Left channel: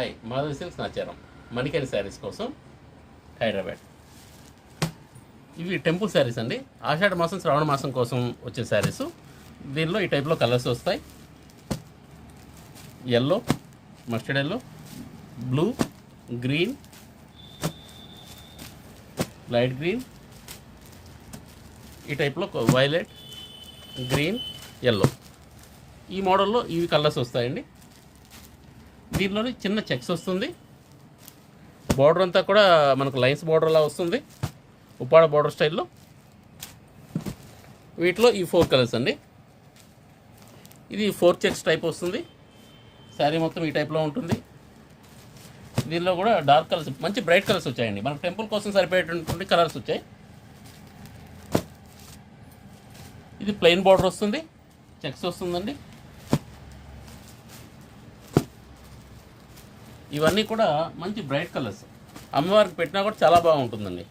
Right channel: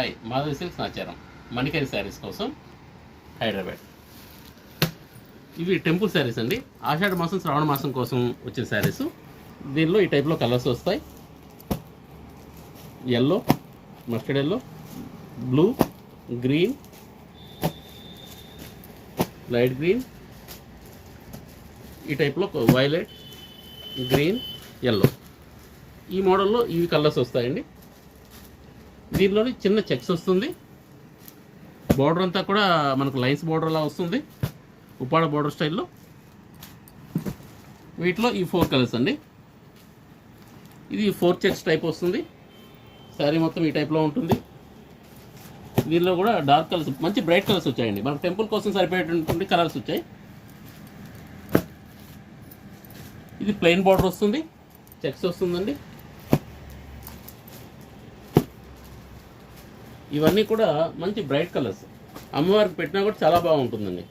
Hi, Madhavi silks Nacharam మణికరి saris కోసం హైదరాబాద్. ఇవి temple saris అండి. ఆషాఢ మాసం శ్రావణ మాసం కోసం వచ్చే శారీస్. దీనిలో ఈ టైప్లో కలర్స్ వస్తాయి. Yellow, mustard yellow, blue, green, light green, ఈ టైప్లో వైలెట్, గ్రీన్, ఎల్లో, ఈ మోడల్లో ఇవి కలర్స్ వస్తాయండి. దీనిలోని చిన్న చెక్స్ వస్తుంది. బార్డర్ అంతా కూడా మనకు లైన్స్ బార్డర్లా వస్తుంది, ఉప్పాడ బార్డర్ స్టైల్లో. వీటిలో ఈ 4 కలర్స్ అండి. ఇది 4 చెక్స్ టైప్ వస్తుంది. శారీ మొత్తం ఈ టైప్లో ఉంటుంది. దీనిలో కూడా డార్క్ కలర్స్, మంచి బ్రైట్ కలర్స్ వచ్చాయండి. మనకు టెంపుల్ కోసం సరిపోయేటువంటి కలర్స్ వచ్చాయి. ఇది ప్లెయిన్ బార్డర్ వస్తుంది, చెక్స్ వస్తుందండి. ఇవన్నీ కూడా మంచి బ్రైట్ కలర్స్. అమ్మవారికి పెట్టినా కూడా చాలా బాగుంటుందండి.